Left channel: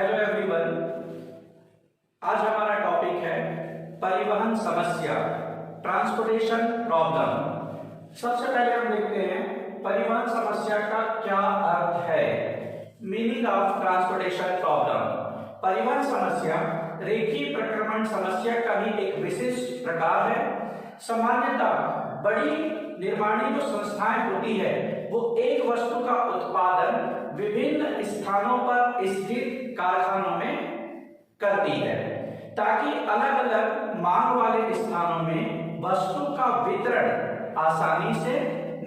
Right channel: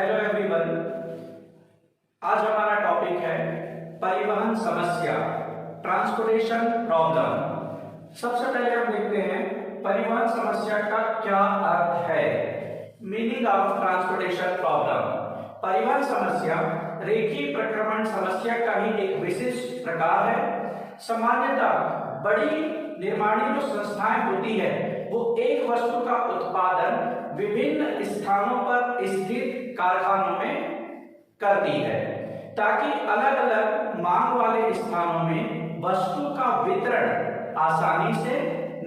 Hello everyone, आज हमारा topic है परिवहन समस्या, ट्रांसपोर्टेशन प्रॉब्लम। सबसे पहले हम देखते हैं परिवहन समस्या का क्या अर्थ है। Meaning of transportation problem. परिवहन समस्या रेखीय प्रक्रमण समस्या का ही एक विशिष्ट प्रकार है। सामान्यतः बड़ी निर्माणी जो संस्थाएं होती है वो एक वस्तु का उत्पादन विभिन्न स्थानों पर स्थित कारखानों में करती है ताकि अलग अलग मांग वाले स्थानों में वस्तु का वितरण आसानी से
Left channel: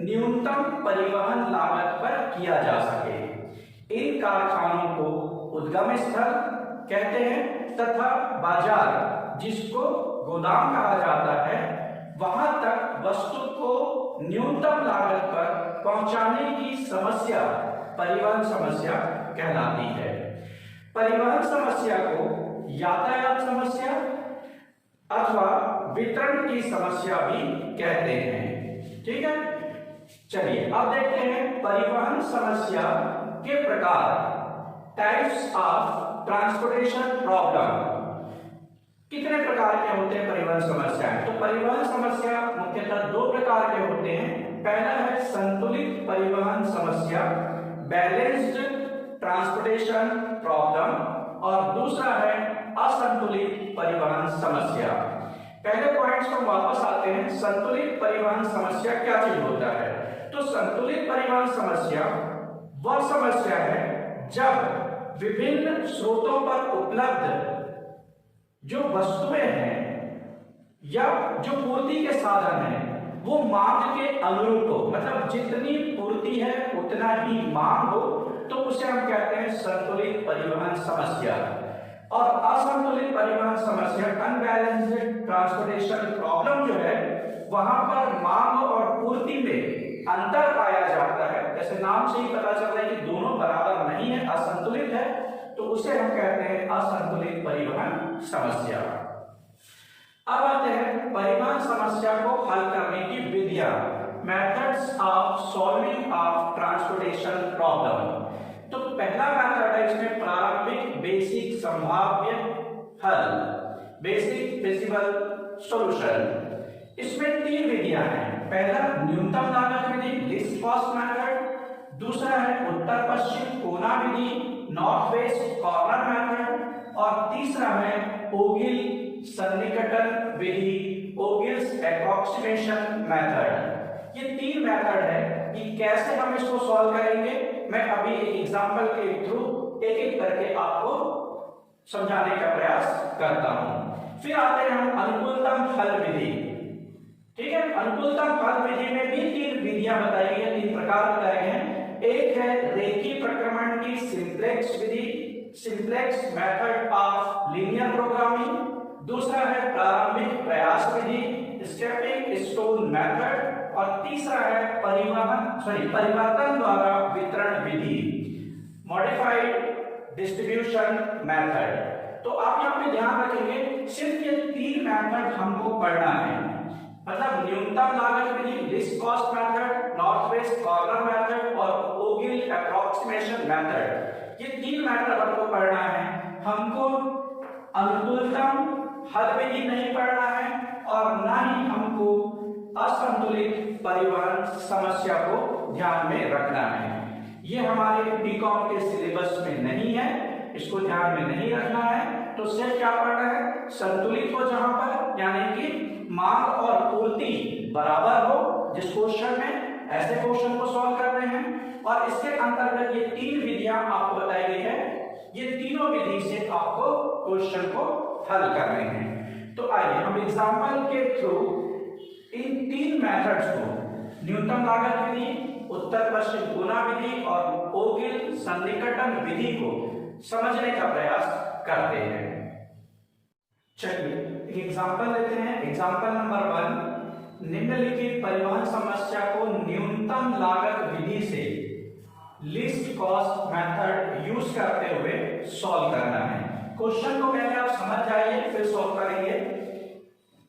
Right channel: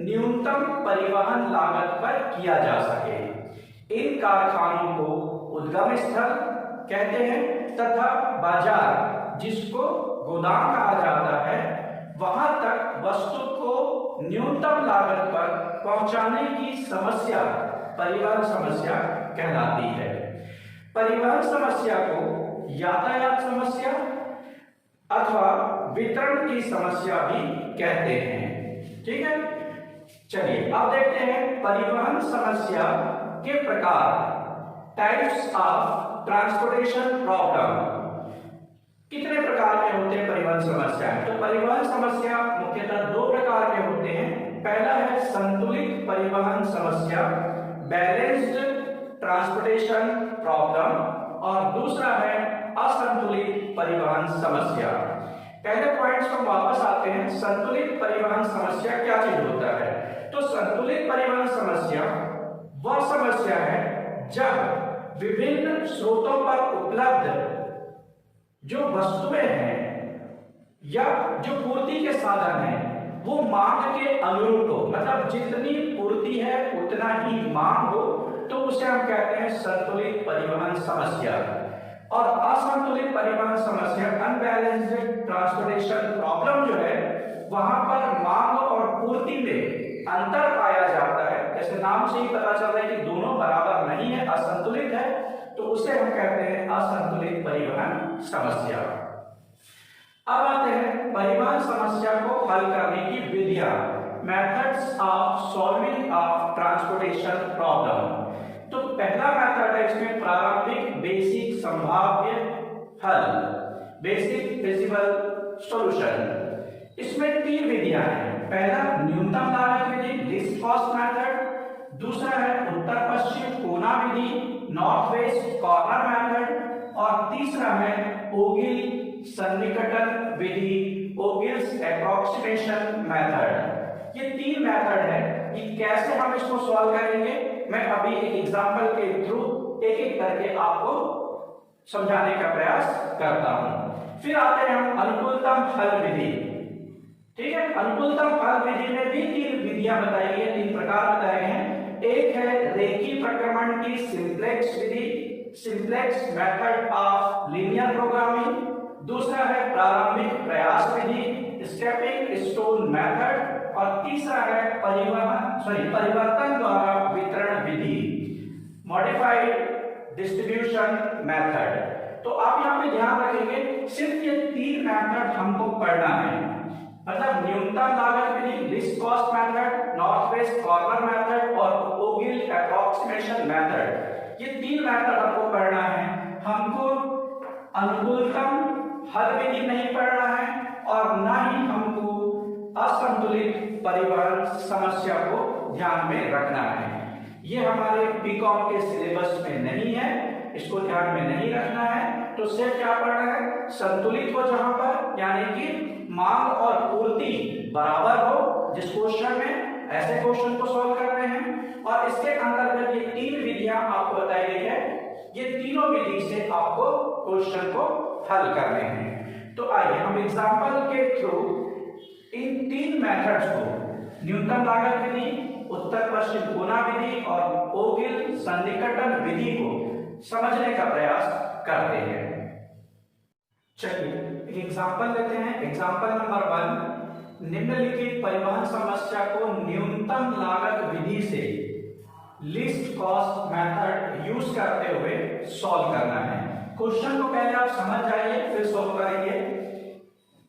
न्यूनतम परिवहन लागत पर किया जा सके। इन कारखानों को उद्गम स्थल कहते हैं तथा बाजार, जिसको गोदाम कहा जाता है, वहां तक वस्तु को न्यूनतम लागत पर पहुंचाने की समस्या परिवहन समस्या कहलाती है। परिवहन समस्या को यातायात समस्या अथवा वितरण की समस्या भी कहते हैं। ठीक है, चलिए अब देखते हैं परिवहन समस्या के प्रकार, टाइप्स ऑफ ट्रांसपोर्टेशन प्रॉब्लम। कितने प्रकार के होते हैं परिवहन समस्याएं? तो परिवहन समस्या मुख्यतः दो प्रकार के होते हैं। पहला है संतुलित परिवहन समस्या, बैलेंस्ड ट्रांसपोर्टेशन प्रॉब्लम, और दूसरा है असंतुलित परिवहन समस्या। पहले पॉइंट्स पर वापस आते हैं। संतुलित परिवहन समस्या क्या चीज होता है? तो संतुलित परिवहन समस्या वह समस्या है जब विभिन्न स्रोतों पर उपलब्ध जो वस्तुएं हैं या जो पूर्ति के साधन हैं वो मांग के अनुरूप हो, मतलब जितनी पूर्ति है उतना ही मांग हो, तो उसे हम कहते हैं संतुलित परिवहन समस्या। और असंतुलित परिवहन समस्या, अनबैलेंस्ड ट्रांसपोर्टेशन प्रॉब्लम जो है, वहां पर मांग और पूर्ति में अंतर पाया जाता है। जैसे नाम से ही पता चल रहा है कि दोनों बराबर नहीं है, असंतुलित है, तो उसे हम कहते हैं असंतुलित परिवहन समस्या। अब आते हैं परिवहन समस्या को हल करने की विधियां, methods of solving of transportation problem. तो पहला मेथड है इसमें प्रारंभिक बेसिक संभाव्य हल, बेसिक फिजिबल सॉल्यूशन। इसमें तीन विधियां हैं। पहला न्यूनतम लागत विधि, लीस्ट कॉस्ट मेथड। दूसरा है उत्तर पश्चिम कोना विधि, नॉर्थ वेस्ट कॉर्नर मेथड। और तीसरा है ओगिल सन्निकटन विधि, ओगिल्स एप्रोक्सीमेशन मेथड। ये तीन मेथड है कि कैसे हम इसको सॉल्व करेंगे। मैं अभी एक एग्जांपल के थ्रू एक एक करके आपको समझाने का प्रयास करता हूं। फिर आते हैं हम अनुकूलतम हल विधि। ठीक है, अनुकूलतम हल विधि में भी तीन विधियां बताई गई हैं, तीन प्रकार बताए हैं। एक है रेखीय प्रक्रमण की simplex Vidhi, simplex method of linear programming. दूसरा है प्रारंभिक प्रयास विधि, स्टेपिंग स्टोन मेथड। और तीसरा है परिवर्तन द्वारा वितरण विधि, मॉडिफाइड डिस्ट्रीब्यूशन मेथड। तो आप यहाँ पे ध्यान रखेंगे, सिर्फ ये तीन मेथड हमको पढ़ना है, मतलब न्यूनतम लागत विधि, least cost method, north west corner method और ओगिल एप्रोक्सीमेशन मेथड। ये तीन मेथड हमको पढ़ना है। हमको अनुकूलतम हल विधि नहीं पढ़ना है और ना ही हमको असंतुलित परिवहन समस्या को ध्यान में रखना है। ये हमारे बीकॉम के सिलेबस में नहीं है, इसको ध्यान में नहीं रखना है। तो सिर्फ क्या पढ़ना है? संतुलित हो जहां पर, यानी कि मांग और पूर्ति बराबर हो, जिस क्वेश्चन में ऐसे क्वेश्चन को सॉल्व करने हैं। और इसके अंतर्गत ये तीन विधियां आपको बताई गई है, ये तीनों विधि से आपको क्वेश्चन को हल करने हैं। तो आइए हम एग्जांपल के थ्रू इन तीन मेथड्स को, न्यूनतम लागत विधि, उत्तर पश्चिम कोना विधि और ओगिल सन्निकटन विधि को समझने का प्रयास करते हैं। चलिए एक एग्जांपल लेते हैं। एग्जांपल नंबर 1, निम्नलिखित परिवहन समस्या को न्यूनतम लागत विधि से लीस्ट कॉस्ट मेथड यूज करते हुए सॉल्व करना है। क्वेश्चन को पहले आप समझ जाइए, फिर सॉल्व करेंगे।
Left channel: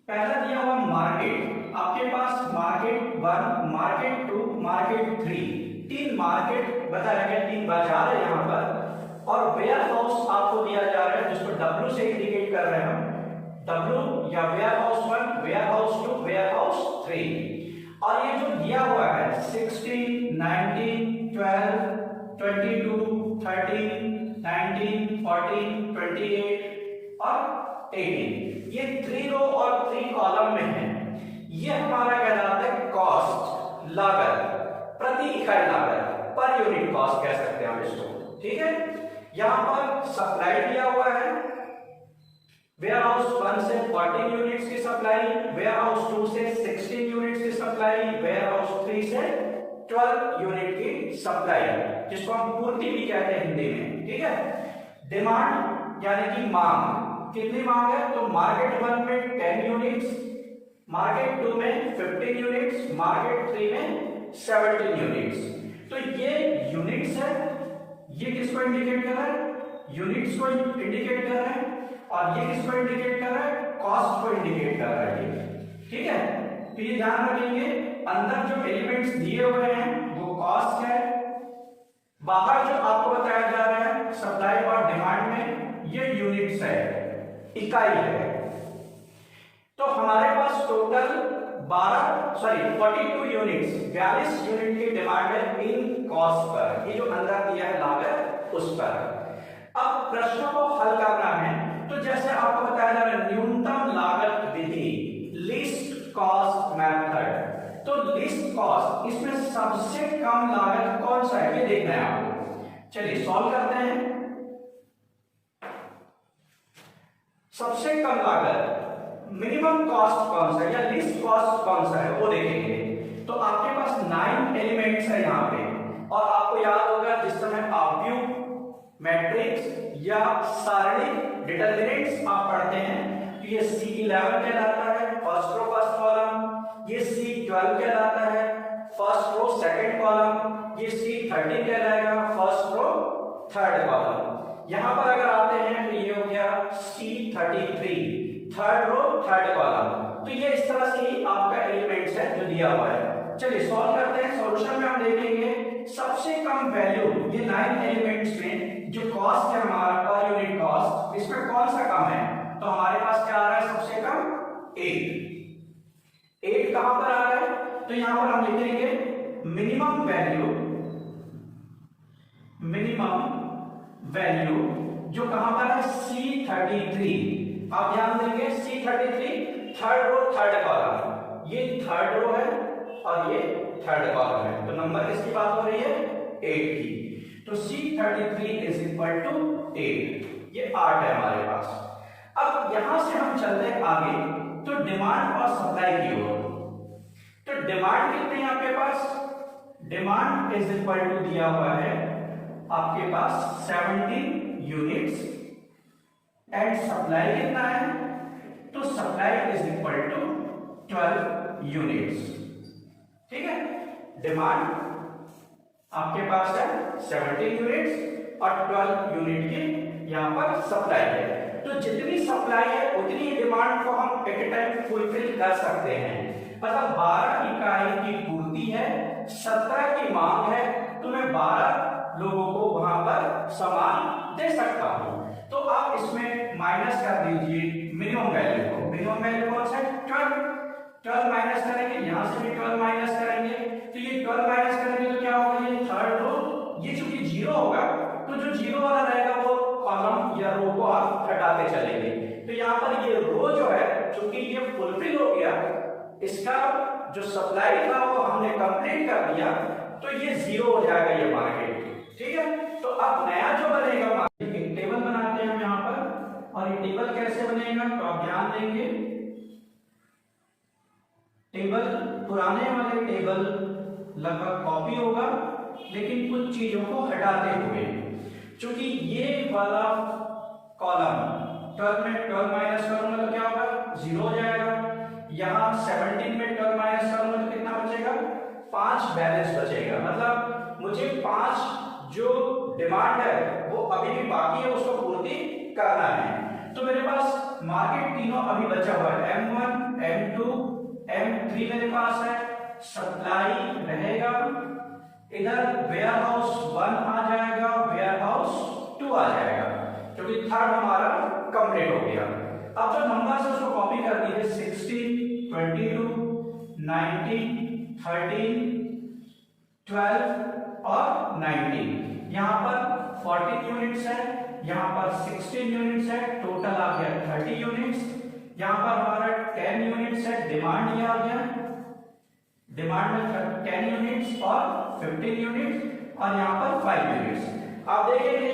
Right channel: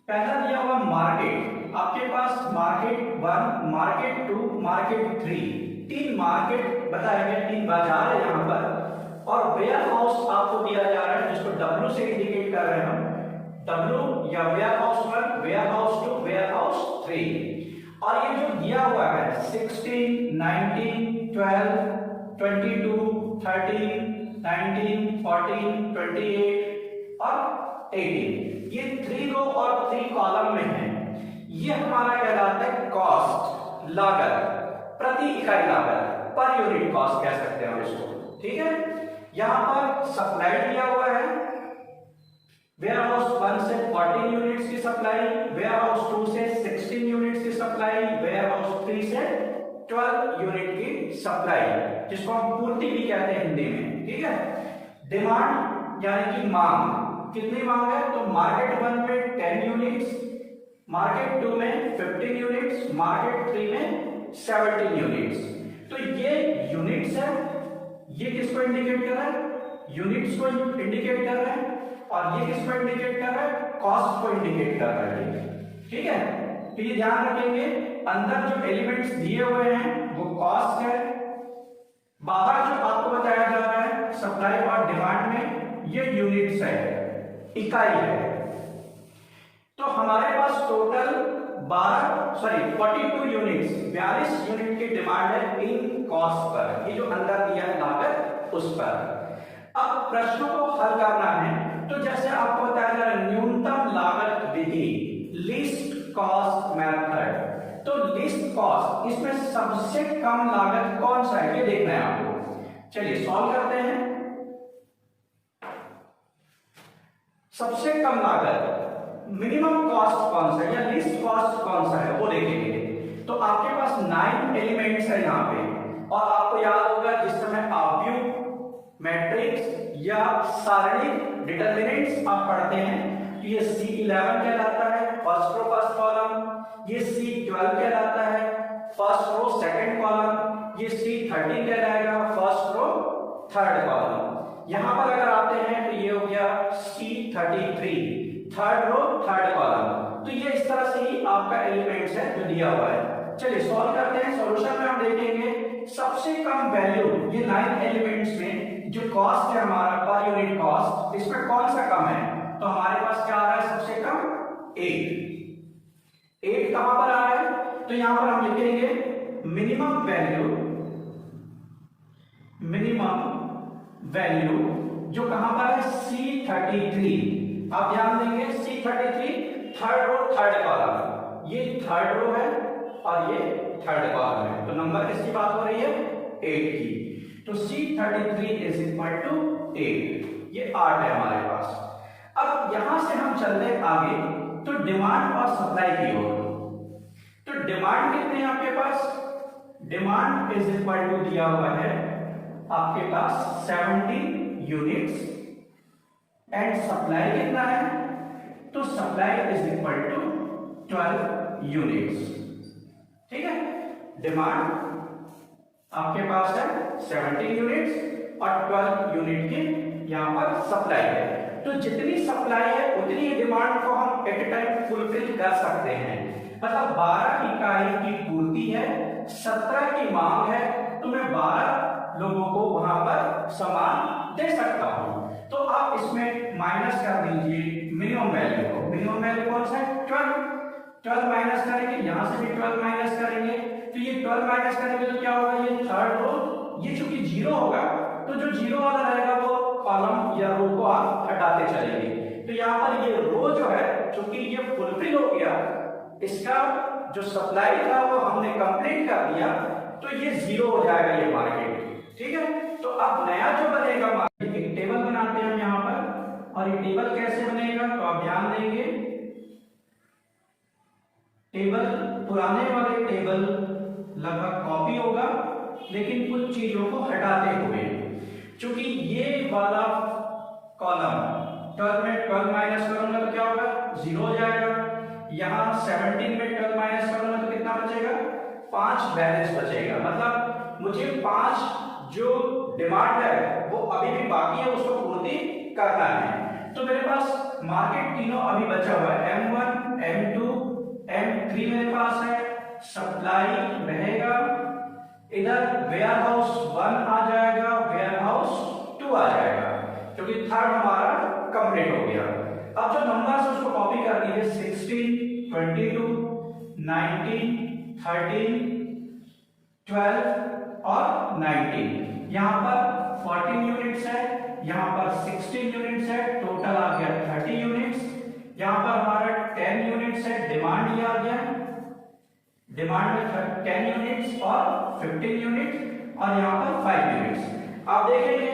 पहला दिया हुआ मार्केट, आपके पास मार्केट 1, मार्केट 2, मार्केट 3, तीन मार्केट बताया गया, तीन बाजार है यहाँ पर। और वेयर हाउस आपको W से इंडिकेट कर रहे हैं, W या warehouse 1, warehouse 2, warehouse 3। और ये जो दिया हुआ है 16, 19, 12, 22, 13, 19, 14, 28 और 18, ये 3 रो और 3 कॉलम में है। ये हमारा कहलाता है कॉस्ट, लागत, प्रति इकाई लागत, पर यूनिट कॉस्ट कह सकते हैं हम इसको। ठीक है, यहां पर सप्लाई दिया हुआ है, वेयर हाउस 1 से 14 यूनिट्स की सप्लाई, वेयर हाउस 2 से 16 यूनिट्स की सप्लाई, वेयर हाउस 3 से 12 यूनिट की सप्लाई, जिसको हम पूर्ति भी कहते हैं हिंदी में। ठीक है, डिमांड यानी कि मांग, कितनी मांग है? तो मार्केट 1 में 10 यूनिट्स, मार्केट 2 में 15 यूनिट्स, मार्केट 3 में 17 यूनिट्स। तो ये यूनिट्स है, ये किसको इंडिकेट कर रहा है? यूनिट्स को इंडिकेट कर रहा है, और ये किसको इंडिकेट कर रहा है? कॉस्ट को इंडिकेट कर रहा है। ठीक है, तो ये ध्यान रखेंगे, अंदर जो एलिमेंट्स दिए हुए हैं वो कॉस्ट है, बाहर जो आपको बताया जा रहा है सप्लाई और डिमांड में ये यूनिट्स है, इकाई है। तो हमारे पास टोटल 42 यूनिट्स, 42 यूनिट की डिमांड है इन कॉस्ट पर, ये जो अंदर दिया है लागत उस पर। अब प्रश्नों को हल करना है, तो जैसे आपको बताया जा रहा है न्यूनतम लागत विधि, लीस्ट कॉस्ट मेथड। तो लीस्ट कॉस्ट, इसमें सबसे कम लागत कौन सा है ये देखना है आपको। चलिए सॉल्व करते हैं। सबसे कम लागत, मिनिमम कॉस्ट कौन सा है या लीस्ट कॉस्ट कौन सा है वो देखेंगे। तो आपके पास 9 एलिमेंट्स है यहाँ पे, और आपको याद होगा जिस समय आव्यूह, मैट्रिक्स या सारणिक डिटरमिनेंट्स आप पढ़ते हैं, तो ये C11 कहलाता है, फर्स्ट रो फर्स्ट कॉलम, ये C12 कहलाता है, फर्स्ट रो सेकंड कॉलम, ये C13 कहलाएगा, फर्स्ट रो थर्ड कॉलम। यहां पर अगर आते हैं तो ये हो गया C33, third row third column. तो ये इस तरह से ही आपका एलिमेंट्स है जो दिया हुआ है। चलिए सॉल्व करते हैं। सॉल्यूशन में हम देखेंगे सबसे कम वैल्यू, ये 9 एलिमेंट्स में जो कॉस्ट है हमारा पर यूनिट कॉस्ट, इसमें कौन सा कम है? तो हमारे पास क्या आ रहा है सबसे कम? 8 कहां पर आ रहा है? तो यहां पर हम लिखेंगे मिनिमम वैल्यू जो कहां पर है? C33। आप ध्यान देंगे C33 third row third column, ये थर्ड रो है और ये थर्ड कॉलम है। तो नंबर किसकी बात हो रही है? 8 की। तो C33 इज इक्वल टू 8, ये 8 है हमारे पास। अब यहां से हम चलते हैं आगे, तो डिमांड और सप्लाई की ओर। तो डिमांड कितनी है आपके पास? डिमांड इज इक्वल टू दिया हुआ है आपके पास 70 यूनिट्स, एंड सप्लाई कितना है? तो supply is equal to 12 units. ठीक है, डिमांड आपके पास है 70 यूनिट्स और 12 यूनिट की यहां पर सप्लाई है। तो जितनी सप्लाई है उतनी डिमांड को हम एट ए टाइम फुलफिल कर सकते हैं। मतलब 12 इकाई की पूर्ति है, 17 की मांग है, तो मैं 12 लोगों को वहां पर सामान दे सकता हूं। तो आप इसमें माइनस कर दीजिए मिनिमम वैल्यू को। मिनिमम वैल्यू कौन सा है? 12 माइनस करेंगे, यहां से भी 12 माइनस करेंगे, तो ये 12 माइनस करेंगे तो क्या होगा? ये थर्ड रो, ये चूंकि 0 होगा तो जो 0 वाला रहेगा वो कॉलम या रो को आप हटाते चलेंगे। तो यहाँ पर ये रो जो है चूंकि ये फुलफिल हो गया, इसका जो सप्लाई था वो हमने कंप्लीट कर दिया, तो ये 0 हो जाएगा ये मार्केट। ठीक है, तो अब नया जो बनेगा मार्केट, एक टेबल बनाते हैं हम यहाँ पर, और ये टेबल कैसे बनेगा तो आप ध्यान देंगे। टेबल पुराने वाले टेबल लगभग कॉपी होगा, लेकिन कुछ चीजों को हटाते हुए, क्योंकि ये वाला कॉलम 12 में 12 माइनस करूंगा तो क्या होगा? 0 हो जाएगा। यहाँ 17 में 12 माइनस करूंगा तो कितना बचेगा? 5 बैलेंस बचेगा। मतलब मुझे 5 जो डिमांड है वो अभी भी बाकी है, उसको पूर्ति करना है। तो मेरे पास मार्केट तीनों अभी बचा हुआ है, M1, M2, M3 मेरे पास है। सप्लाई रहेगा, इधर वेयर हाउस 1 आ जाएगा, वेयर हाउस 2 आ जाएगा, क्योंकि थर्ड हमारा कंप्लीट कंप्लीट हो गया। अब जो नंबर्स उसको कॉपी कर दीजिए 16, 22, 19, 13, 12 और 19। यहाँ पर 14 यूनिट्स है, यहाँ पर 16 यूनिट्स है, टोटल आ गया 30 यूनिट्स। यहाँ पर हमारा 10 यूनिट्स है, डिमांड ये आ गया, डिमांड में 10 यूनिट्स और 15 यूनिट्स और यहाँ पर 5 यूनिट्स। आप देखेंगे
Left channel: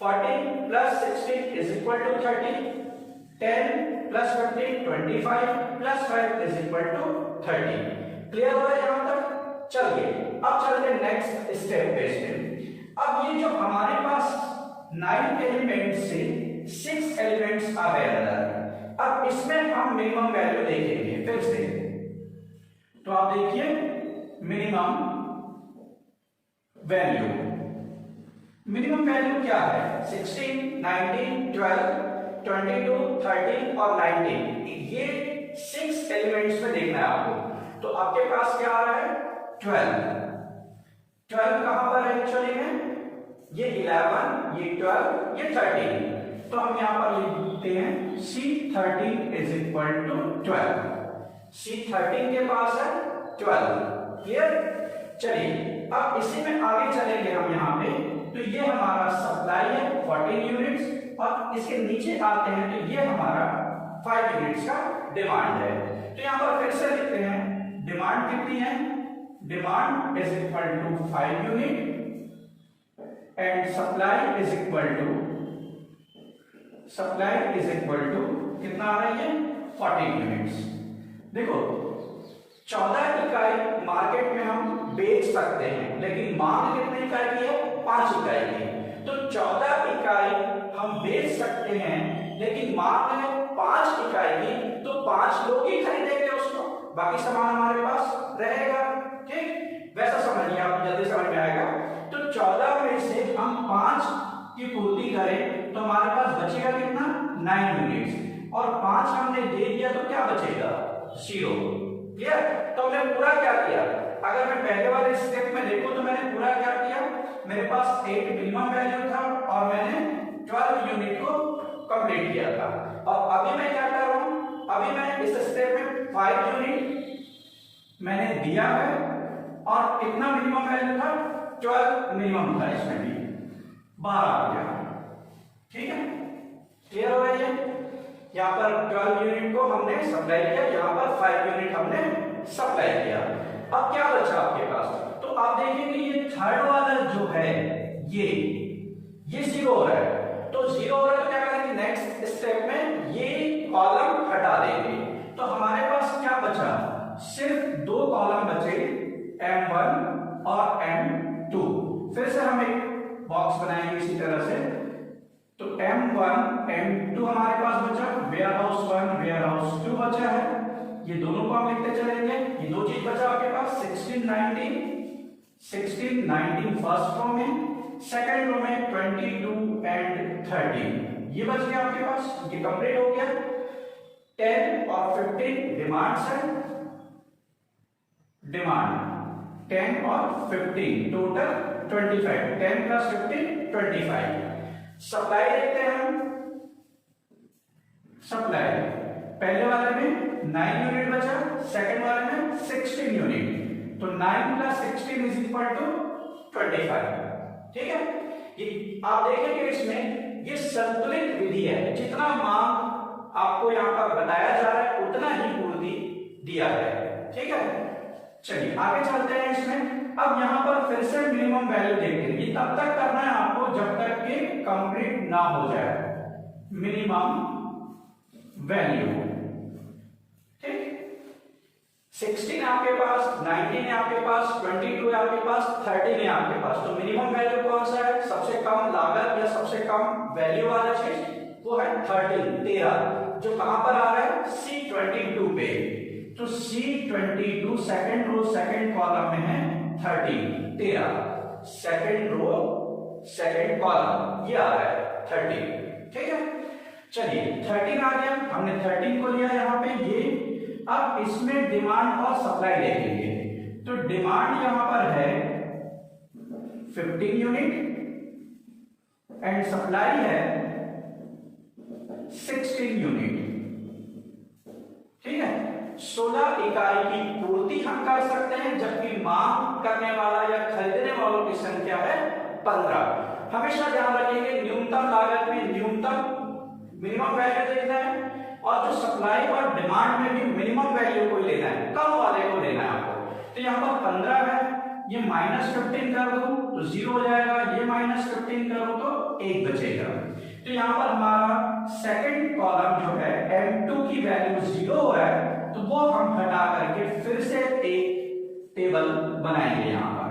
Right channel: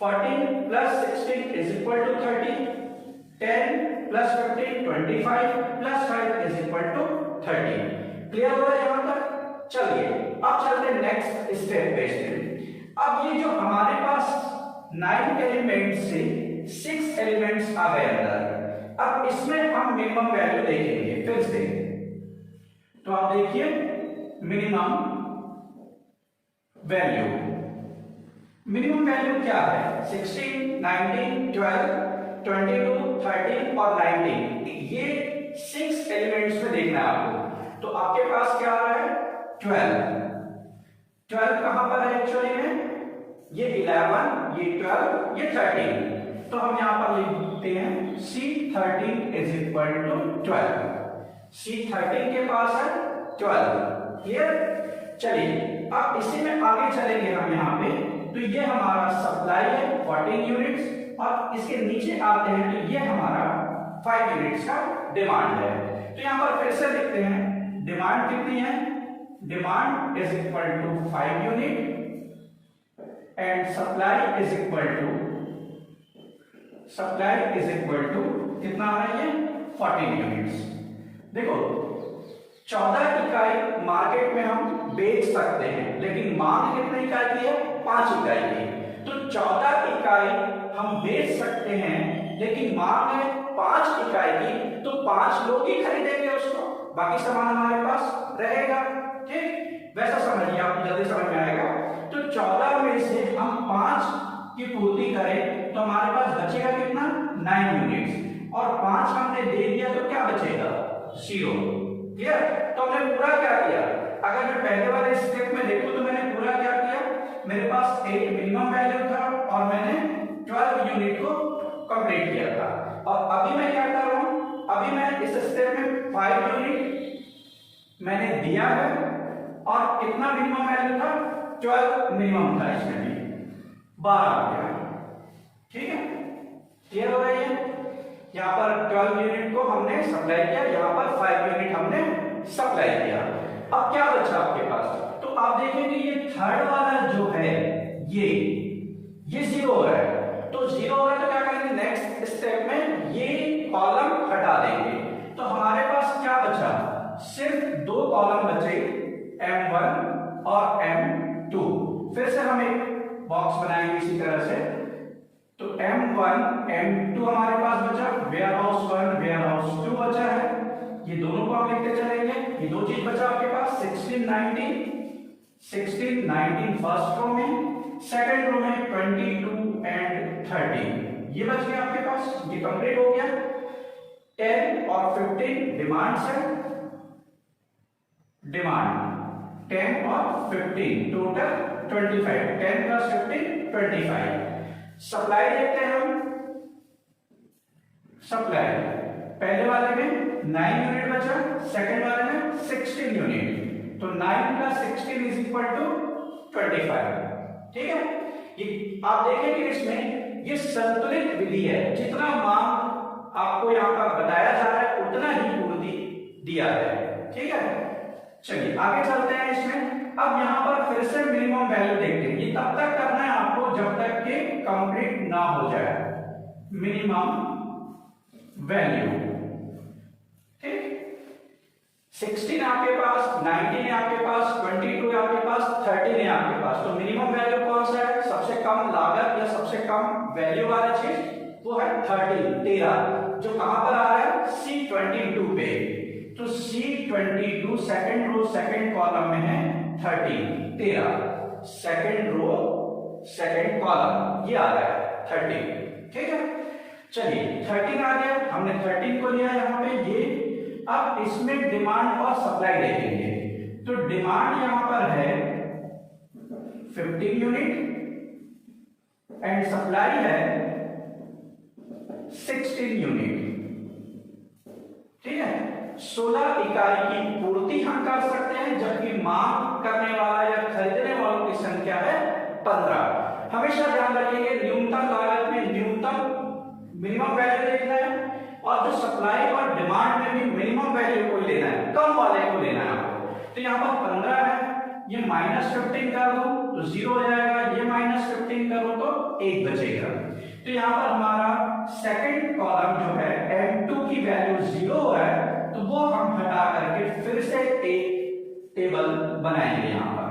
14 plus 16 is equal to 30, 10 plus 15 25 plus 5 is equal to 30। Clear हो गया यहाँ तक? चलिए अब चलते हैं नेक्स्ट स्टेप पे से। अब ये जो हमारे पास 9 एलिमेंट से 6 एलिमेंट्स आ गए अंदर, अब इसमें हम मिनिमम वैल्यू देखेंगे फिर से। तो आप देखिए मिनिमम वैल्यू, मिनिमम वैल्यू क्या है? 16, 19, 12, 22, 13 और 19, ये 6 एलिमेंट्स में देखना है आपको। तो आपके पास क्या आ रहा है? 12 कहां पर है एक्चुअली में? ये 11, ये 12, ये 13। तो हम यहां पर लिखते हैं C13 is equal to 12। C13 के पास है 12। क्लियर? चलिए अब इसी में आगे चलेंगे हम यहाँ पे। तो ये हमारा सप्लाई है 14 यूनिट्स और इसके नीचे आते हैं तो ये हमारा 5 यूनिट्स का डिमांड है। तो यहाँ पर फिर से लिखते हैं डिमांड कितनी है? Demand is equal to 5 unit and supply is equal to कितना आ रहा है? ये 14 यूनिट्स। देखो 14 इकाई मार्केट में हम बेच सकते हैं, लेकिन मांग कितने इकाई की है? 5 इकाई की। तो 14 इकाई हम बेच सकते हैं, लेकिन मांग है 5 इकाई की, तो 5 लोग ही खरीदेंगे उसको, बाकी सामान हमारे पास रहेगा। ठीक, वैसा समझिए, आप जल्दी समझ में आएगा। तो 14 में से हम 5 की पूर्ति करें तो हमारे पास बचेगा कितना? 9 यूनिट्स, और 5 हमने दे दिया तो क्या बचेगा? 0। क्लियर? तो हमने पूरा क्या किया? अगर मैं पहले वाले स्टेप में देखूं तो मैंने पूरा क्या किया? मेरे पास एक मिनिमम वैल्यू था और मैंने 12 यूनिट को कंप्लीट किया था। और अभी मैं क्या कर रहा हूं? अभी मैं इस स्टेप में 5 यूनिट मैंने दिया है और कितना मिनिमम वैल्यू था? 12 मिनिमम था, इसमें भी 12 आ गया। ठीक है, क्लियर हो गई है? यहाँ पर 12 यूनिट को हमने सप्लाई किया, यहाँ पर 5 यूनिट हमने सप्लाई किया। अब क्या बचा आपके पास? तो आप देखेंगे ये थर्ड वाला जो है ये 0 है। तो 0 है तो क्या करेंगे? नेक्स्ट स्टेप में ये कॉलम हटा देंगे। तो हमारे पास क्या बचा? सिर्फ 2 कॉलम बचे, M1 और M2। फिर से हम एक बॉक्स बनाएंगे इसी तरह से। तो M1, M2 हमारे पास बचा, वेयर हाउस 1, वेयर हाउस 2 बचा है। ये दोनों को हम लिखते चलेंगे। ये 2 चीज बचा आपके पास, 16, 19 फर्स्ट रो में, सेकंड रो में 22 एंड 13 ये बच गया आपके पास। ये कंप्लीट हो गया। 10 और 15 डिमांड्स है, डिमांड 10 और 15 टोटल 25, 10 प्लस 15 25। सप्लाई देखते हैं हम। सप्लाई पहले वाले में 9 यूनिट बचा, सेकंड वाले में 16 यूनिट। तो 9 प्लस 16 इज इक्वल टू 25। ठीक है, ये आप देखेंगे इसमें ये संतुलित विधि है। जितना मांग आपको यहाँ पर बताया जा रहा है उतना ही पूर्ति दिया है। ठीक है, चलिए आगे चलते हैं इसमें। अब यहाँ पर फिर से मिनिमम वैल्यू देखते हैं। ये तब तक करना है आपको जब तक कि कंप्लीट ना हो जाए। मिनिमम वैल्यू, ठीक, 16 आपके पास, 19 है आपके पास, 22 है आपके पास, 13 है आपके पास। तो मिनिमम वैल्यू कौन सा है? सबसे कम लागत या सबसे कम वैल्यू वाला चीज वो है 13, जो कहां पर आ रहा है? C22 पे। तो C22 second row second column में है 13, सेकंड रो सेकंड कॉलम ये आ रहा है 13। ठीक है, चलिए 13 आ गया, हमने 13 को लिया यहाँ पे ये। अब इसमें डिमांड और सप्लाई देखेंगे। तो डिमांड यहां पर है 15 यूनिट एंड सप्लाई है 16 यूनिट। ठीक है, 16 इकाई की पूर्ति हम कर सकते हैं, जबकि मांग करने वाला या खरीदने वालों की संख्या है 15। हमेशा ध्यान रखिए न्यूनतम लागत में न्यूनतम मिनिमम वैल्यू देखना है, और जो सप्लाई और डिमांड में भी मिनिमम वैल्यू को ही लेना है, कम वाले को लेना है आपको। तो यहाँ पर 15 है, ये -15 कर दो तो 0 हो जाएगा, ये -15 करो तो 1 बचेगा। तो यहाँ पर हमारा सेकंड कॉलम जो है M2 की वैल्यू 0 है, तो वो हम हटा करके फिर से एक टेबल बनाएंगे यहाँ पर।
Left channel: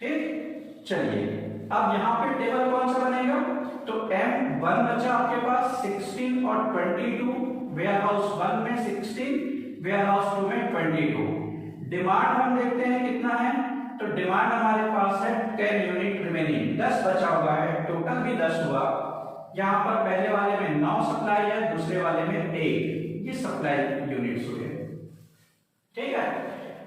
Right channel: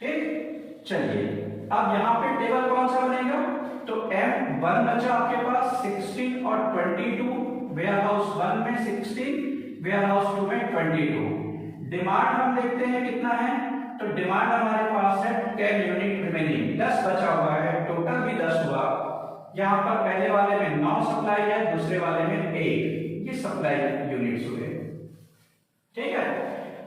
ठीक, चलिए अब यहाँ पे टेबल कौन सा बनेगा, तो M1 बचा आपके पास 16 और 22, वेयर हाउस 1 में 16, वेयर हाउस 2 में 22। डिमांड हम देखते हैं कितना है, तो डिमांड हमारे पास है 10 यूनिट रिमेनिंग, 10 बचा हुआ है, टोटल भी 10 हुआ। यहाँ पर पहले वाले में 9 सप्लाई है, दूसरे वाले में 1, ये सप्लाई यूनिट्स हुए। ठीक है,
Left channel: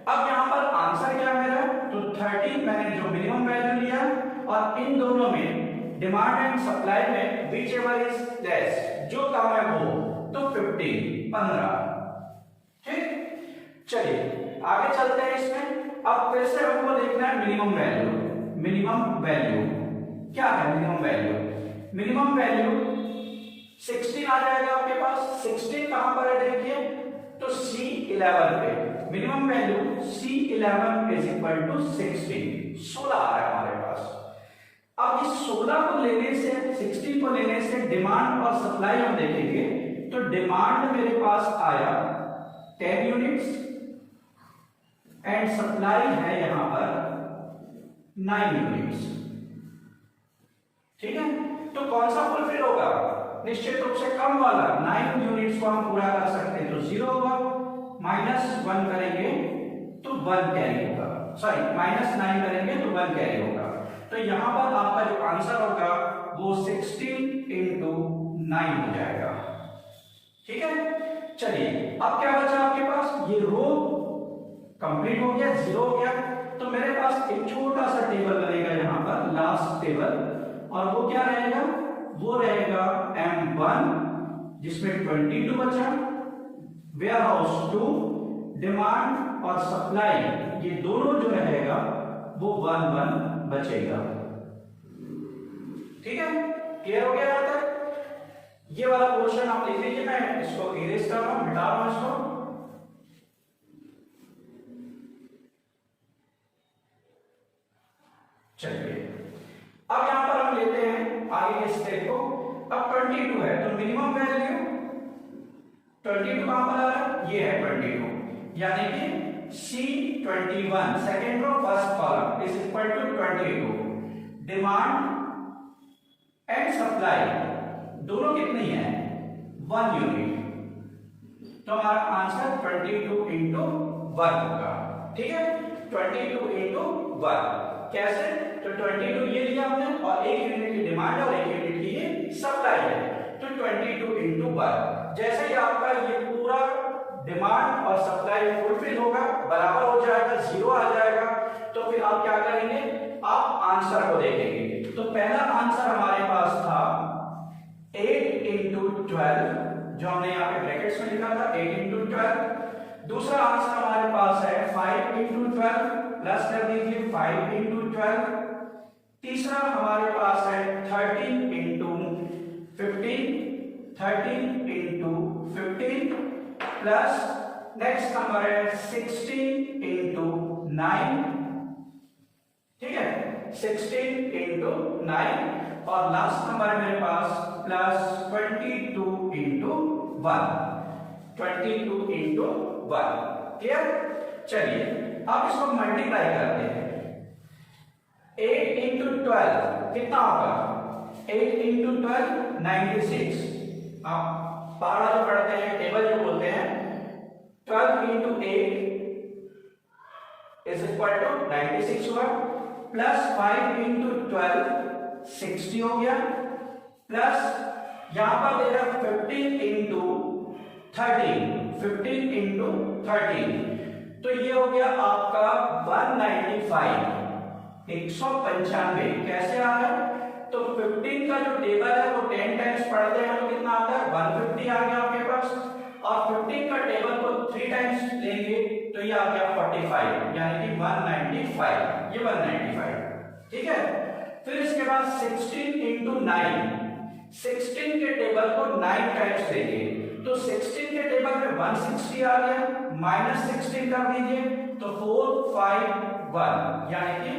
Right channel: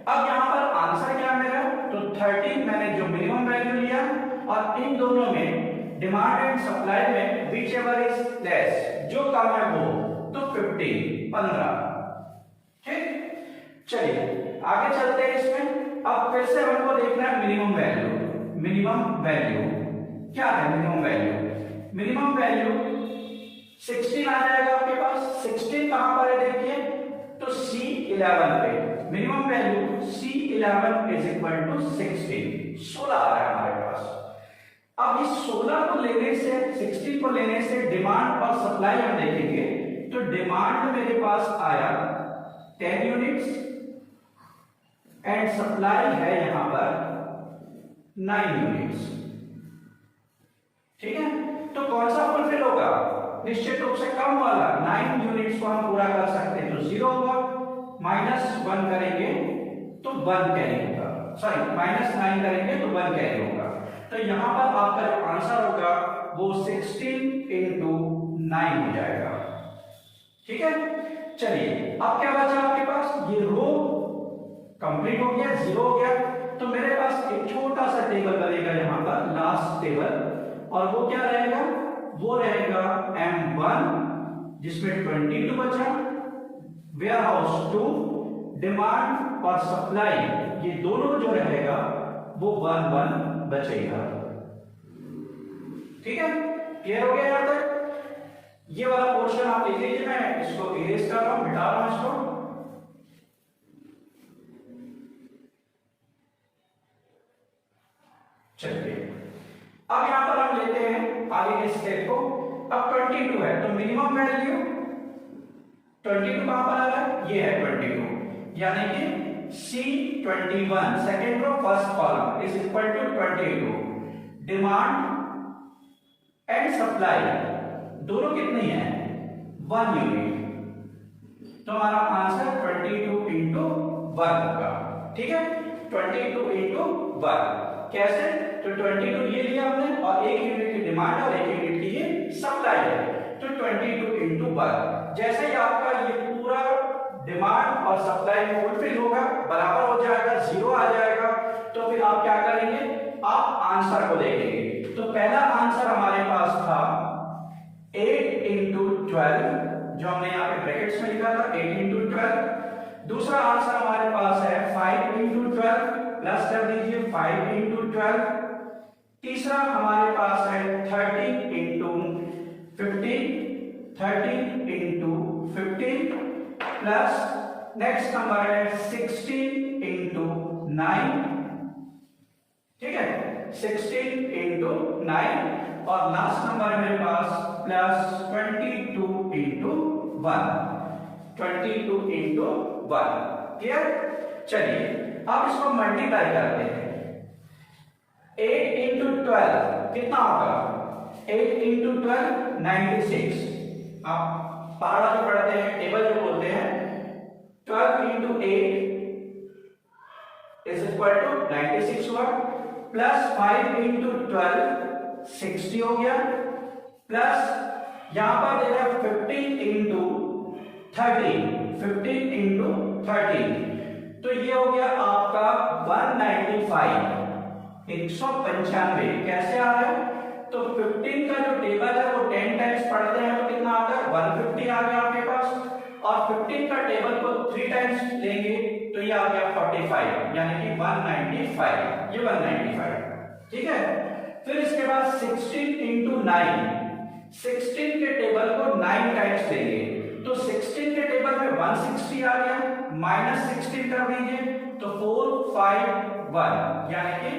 अब यहाँ पर आंसर क्या मेरा, तो 13 मैंने जो मिनिमम वैल्यू लिया, और इन दोनों में डिमांड एंड सप्लाई में विच एवर इज लेस, जो कम है वो, तो 15। ठीक, चलिए आगे चलते हैं इसमें। अब फिर से हमको देखना है मिनिमम वैल्यू। मिनिमम वैल्यू क्या है, मिनिमम वैल्यू, मिनिमम वैल्यू 16 आ जाएगा आपके पास। 16 कहां पर है देखिए, तो C11 पे minimum value C11 is equal to 16 आ रहा है हमारे पास। अब इस 16 को लेने से, 16 को लेने से डिमांड और सप्लाई हम देखेंगे, तो डिमांड मेरे पास आया 10 यूनिट्स एंड सप्लाई है यहां पर 9 यूनिट्स। ठीक है, तो कौन सा फुलफिल होगा, निश्चित रूप से कम वाला। 9 यूनिट्स को हम पूरा कर सकते हैं, तो 0 होगा, -1 करेंगे तो 1 कैरी होगा, सॉरी -9 करेंगे तो 1 कैरी होगा। तो यहां पर आपका जो आंसर होगा वो 16 इंटू 9 हो जाएगा। ठीक है, चलिए अब क्या बचा आपके पास, ये रो कंप्लीट हो गया, 0 हो गया, तो मेरे पास एक छोटा सा टेबल बनेगा यहाँ पर, लास्ट टेबल, और वो क्या रहेगा, वो रहेगा M1 जिसमें 22 बचा, वेयर हाउस 2, डिमांड और सप्लाई ये दोनों जो रहेगा वो 1 बचेगा। ठीक है, क्लियर हो गया यहाँ तक। ये वाला पोर्शन आप देख लीजिए, मैं इसको इरेज कर रहा हूं, मिटा रहा हूं इसको। चलिए अब यहां पर हम लेते हैं आगे के स्टेप को। अब 22 है, तो मिनिमम वैल्यू 22 कहां पर आ रहा है, ये है 22, यानी कि C21 second row first column is equal to 22। Demand and supply दोनों कितनी है, 1 यूनिट, तो हमारा आंसर 22 इंटू 1 होगा। ठीक है, 22 इंटू 1 कैसे, तो 22 ये लिया हमने, और 1 यूनिट की डिमांड और 1 यूनिट की ये सप्लाई है, तो 22 इंटू 1। जैसे ही आपका ये पूरा डिमांड और सप्लाई फुलफिल होगा, बराबर हो जाएगा, 0 आ जाएगा, तो फिर आप क्या करेंगे, आप आंसर को देखेंगे। तो पहला आंसर हमारे पास था 8 इंटू 12, जो हमने यहाँ पे ब्रैकेट्स में लिखा था 8 इंटू 12। दूसरा आंसर हमारे पास है 5 इंटू 12, प्लस कर दीजिए 5 इंटू 12। तीसरा हमारे पास है 13 into 15, 13 into 15, plus next number है 16 इंटू 9। ठीक है, 16 इंटू 9, और लास्ट नंबर है मेरे पास प्लस 22 इंटू 1, 22 इंटू 1। क्लियर, चलिए अब इसको मल्टीप्लाई करते हैं। 8 इंटू 12 कितना होगा, 8 इंटू 12 96। आप पारा जो पढ़ते हैं, टेबल जो बोलते हैं, 12 इंटू 8 इज इक्वल टू 96 हुआ, प्लस 5 इंटू 12 60 हो गया, प्लस यहां पर दे रहा 15 इंटू 13, 15 इंटू 13, तो ये हो गया आपका 195, 195। कैसे आ रहा है, तो 15 का जो टेबल है वो 10 टाइम्स पढ़ते हैं तो कितना आता है 150 आ गया आपके पास, और 15 का टेबल को 3 टाइम्स लेंगे तो ये आ गया 45, यानी कि 195, ये 195, ठीक है। फिर इसके बाद 16 इंटू 9, 16 के टेबल को 9 टाइम्स लेंगे तो 16 के टेबल में 160 आ गया, माइनस 16 कर दीजिए तो 451, यानी कि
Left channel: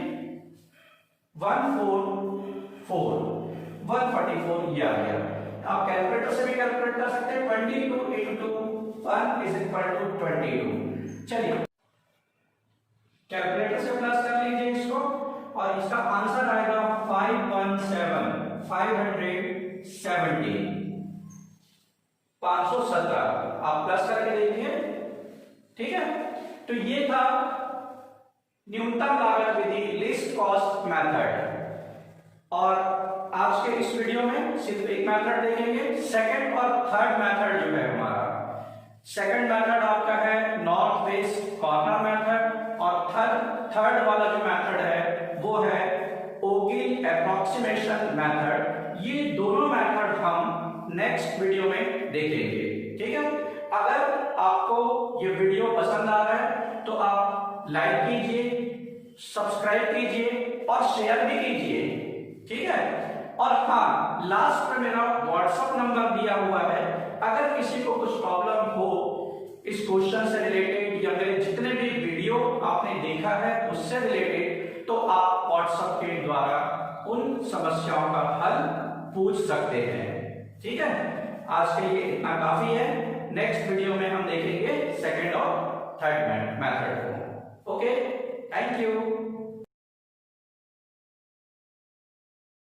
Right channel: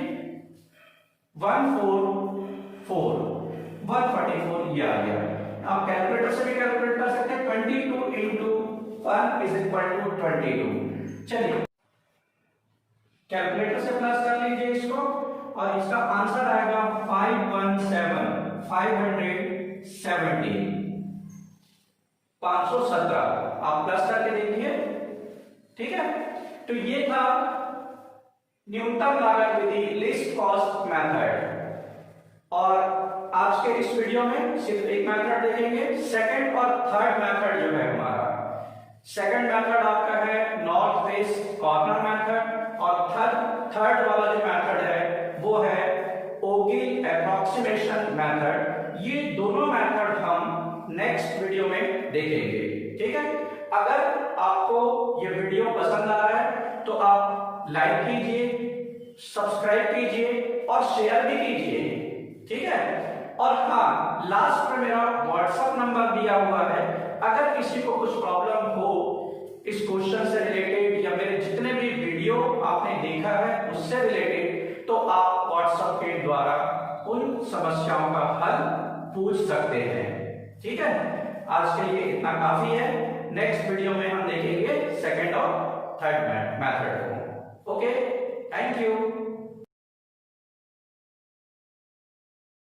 144 ये आ गया। आप कैलकुलेटर से भी कैलकुलेट कर सकते हैं, 22 इंटू 1 इज इक्वल टू 22। चलिए कैलकुलेटर से प्लस कर लीजिए इसको, और इसका आंसर आएगा 517 आप प्लस करके देखिए, ठीक है। तो ये था न्यूनतम लागत विधि, लिस्ट कॉस्ट मेथड। और आज के इस वीडियो में सिर्फ एक मेथड देखेंगे, सेकंड और थर्ड मेथड जो है हमारा। सेकंड मेथड आपका है नॉर्थ वेस्ट कॉर्नर मेथड, और थर्ड वाला जो मेथड है वो है ओगिल एप्रोक्सीमेशन मेथड। ये दोनों मेथड हम नेक्स्ट वीडियो में देखेंगे, ठीक है। अगर आपको ये वीडियो पसंद आ रहा है तो आप लाइक कीजिए, सब्सक्राइब कीजिए और शेयर भी कीजिए, ठीक है। और हाँ, लास्ट में मेरा व्हाट्सएप नंबर दिया हुआ है, अगर किसी को कुछ प्रॉब्लम हो इस क्वेश्चन से रिलेटेड या मेरे जितने भी वीडियो आपने देखा है उससे रिलेटेड, तो आप व्हाट्सएप के द्वारा उन समस्याओं का हल पूछ सकते हैं, ठीक है। आज के लिए इतना काफी है, नेक्स्ट वीडियो में हम देखेंगे सेकंड और थर्ड मेथड को। Okay, thank you.